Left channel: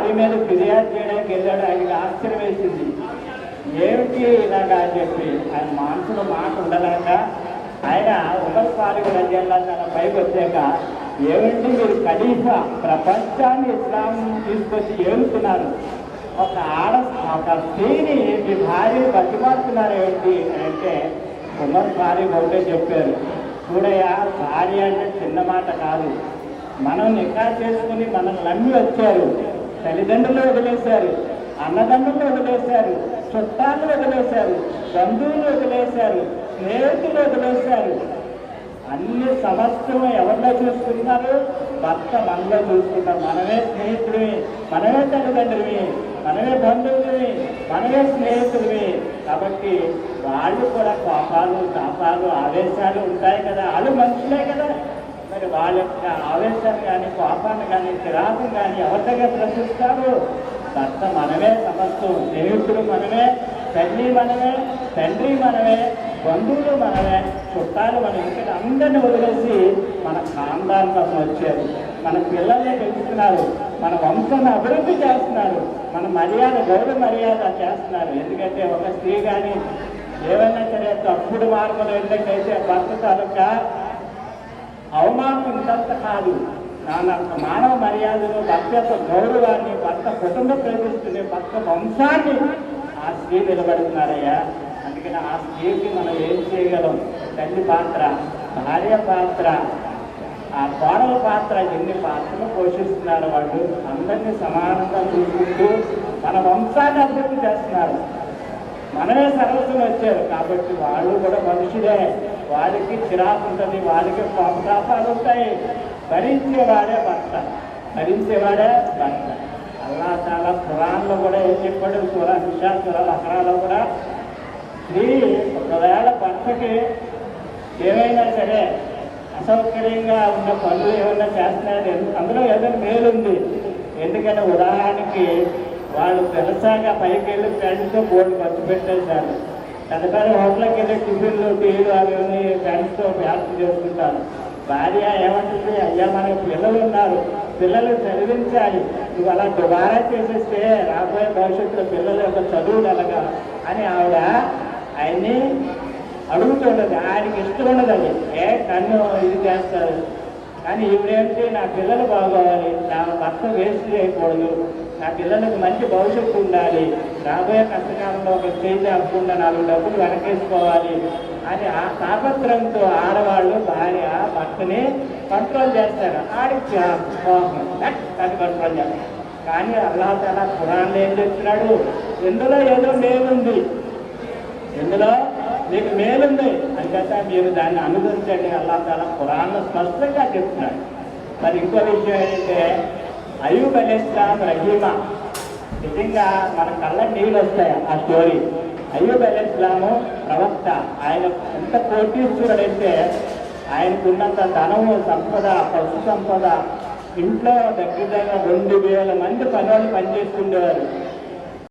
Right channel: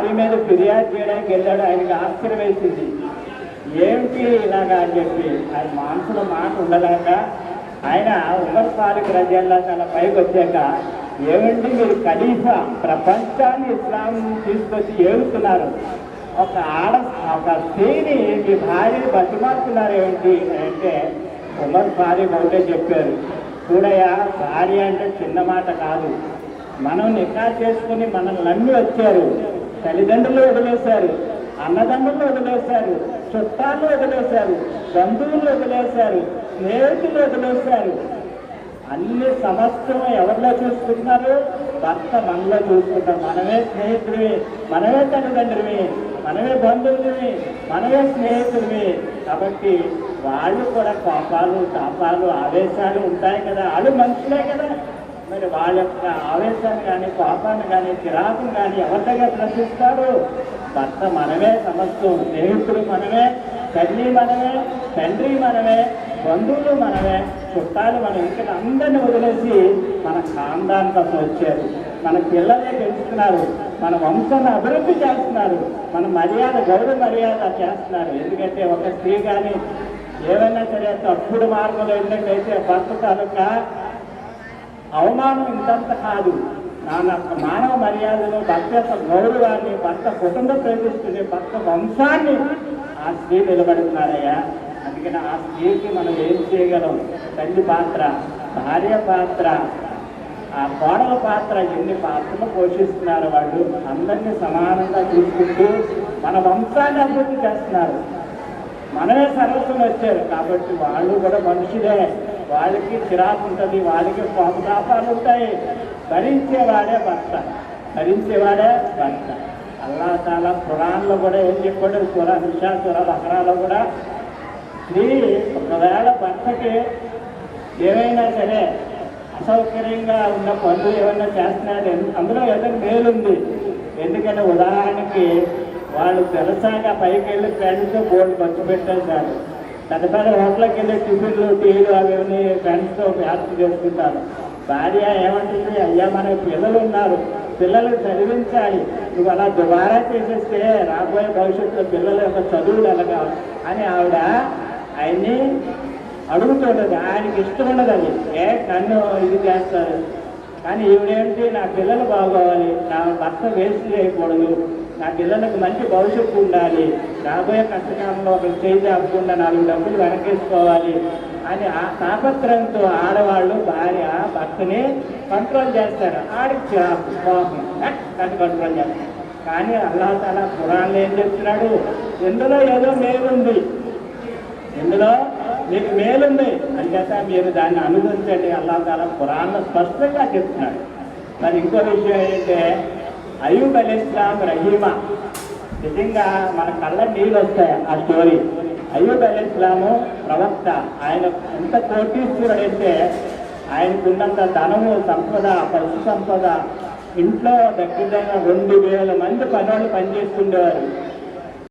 ఆయన మీద ఫిర్యాదు చేయడానికి వెళ్ళాడు. ఆయనకి ఆశ్చర్యం వేసింది, ఏమిటి ఇలాగా అని చెప్పి. ఆయన మనసులో మాట ఉండలేక ఆయన ఉమర్ ఫారూక్ రలియల్లాహు తఆలా పైకి వచ్చాక, ఏమిటి మీరు ఖలీఫా ప్రపంచాన్ని ఇస్లాం తీసుకొచ్చి ఏడుతున్నారు, ఒక స్త్రీని మీ భార్యను బతిమారుతున్నారు ఏమిటి అంటే ఉమర్ ఫారూక్ ఒకటే చెప్పారు, చూడయ్యా, భార్య అంటే చిన్న మాట కాదు. మనం నికా చేసుకుని మనల్ని నమ్మి వచ్చారు, తల్లిదండ్రులు వదిలేశారు, అన్నదమ్ములు వదిలేశారు, చుట్టాలు వదిలేశారు, బంధువులు వదిలేశారు, స్నేహితులు వదిలేశారు. అన్ని సమస్తం ఎవరిలో చూసుకుంటున్నారు? భర్త మనలో చూసుకుంటాం. మనమే స్నేహితుడివి, మనమే తల్లిదండ్రులవి, మనమే బంధువులవి, మనమే స్నేహితుడివి. కాబట్టి వాళ్ళు కూడా కోపాలు ఆవేశాలు ఉంటాయి కదా, వాళ్ళు మనుషులే కదా. మరి వాళ్ళ యొక్క ఆవేశాన్ని కానీ కోపాన్ని కానీ చిరాకుని కానీ ఎవరి దగ్గర ప్రశ్నిస్తారు? భర్త మనమే సమస్తం, స్నేహితులు మనమే, తల్లి మనమే, తండ్రి మనమే, బంధువులు మనమే, చుట్టాలు మన ఇంటికి అందరినీ వదిలేసి మన ఖాందాన్ కోసం వచ్చారు. మన పిల్లల్ని పెంచుతున్నారు, మన వంశాన్ని అభివృద్ధి చేస్తున్నారు, మన గౌరవ మర్యాద చేస్తున్నారు. ఎందుకంటే ఒక స్త్రీ కానీ ఏమైనా సరే తప్పుడు మార్గంలో వెళ్ళినట్టయితే భర్త తాలూకా అవమానం ఇంతంత కాదు. మానవ మర్యాదను, భర్త యొక్క గౌరవాన్ని, భర్త కుటుంబ ప్రతిష్టని, భర్త వంశాన్ని ఆ స్త్రీ నిలబడుతున్నారయ్యా. అందుకని ఆ స్త్రీకి మనం ఏం చేయగలం? తల్లి పాత్ర, భార్య పాత్ర, ఆ కోడల పాత్ర, ఎన్ని పాత్రలు పోషిస్తున్నారు. వాళ్ళు అందరినీ సమానంగా చూసుకుంటూ మన వంశాన్ని అభివృద్ధి చేస్తున్నారు. మనమే సర్వస్వం వచ్చారు కాబట్టి వాళ్ళు కూడా మనుషులే, వాళ్ళకి చిరాకు ఉంటుంది, వాళ్ళకి కోపతాపాలు ఉంటాయి. భరించేవాడే భర్త. అల్లాహ్ తాలా ఖురాన్లో కూడా ఏం చెప్పాడు? సూరా నిసా, సూరా బకరాలో కూడా స్త్రీ ఒకవేళ భర్తకి ఏమైనా సరే అసౌకర్యంగా ఉన్న పనులు ఏమైనా చేస్తున్నాయి, అందులో ఏదైనా మేలుంది. ఎందుకంటే ఉదాహరణకి వాళ్ళు తెలుసాగా పైకి వెళ్ళి ఫ్రెండ్స్తో బోర్డు ఖర్చు పెట్టేశారు. పెద్ద హోటల్కి వెళ్ళి టిఫిన్లు, టీలు అవన్నీ ఫ్రెండ్స్తో వ్యాప్తి చేసుకుంటారు. భార్య ఏమంటుంది? అయ్యా, మన పిల్లలు ఉన్నారు, పిల్లలు చదివించాలి, నువ్వు అలా దుబారా చేసేస్తే రాబోయే భవిష్యత్తులో పిల్లల యొక్క చదువులు ఎలాగా అని ఆవిడ ఆయన్ని అడుగుతున్నది. ఆయనకి ఇష్టం ఉన్నది అది, నన్ను ఇది చేస్తారు. కానీ ఈవిడేమిటి? నా పిల్లలు బాగోవాలి, నా భర్త వేస్ట్ చేయకూడదు, నా పిల్లలకు మంచి భవిష్యత్తు ఉండాలి, రాబోయే కష్టకాలంలో ఒక చేయి అవ్వకుండా 4 డబ్బులు వెనకేసుకోవాలి అని ఆ తాపత్రంతో ఆడవాళ్ళు భార్య భర్తని కంట్రోల్ చేస్తారు. ఆడికి కంట్రోల్ చేస్తారు. కానీ అల్లాహ్ తాలా ఖురాన్లో ఏం చెప్తున్నాడు? ఇందులో ఏదో మేలుంది, ఇందులో మీకు మేలుంది అంచేత మీరు దాన్ని అనుభవించండి. అల్లాహ్ తాలా ఖురాన్లో స్పష్టంగా చెప్తున్నాడు. మరి ఇంకో విషయం ఏంటంటే, అయ్యూబ్ అలైహిస్సలాం రహీమా, నిజంగా మన కళ్ళ నీళ్ళు వస్తాయి ఆ స్టోరీ. అయ్యూబ్ అలైహిస్సలాము ప్రవక్త. ఆయన ఎంత కోటీశ్వరుడంటే ఆయనకున్నంత ధనము, సంపద, పశు సంపద, ఇంట్లో దగ్గర 2,000 మంది పనివాళ్ళు పనిచేస్తుండేవారు.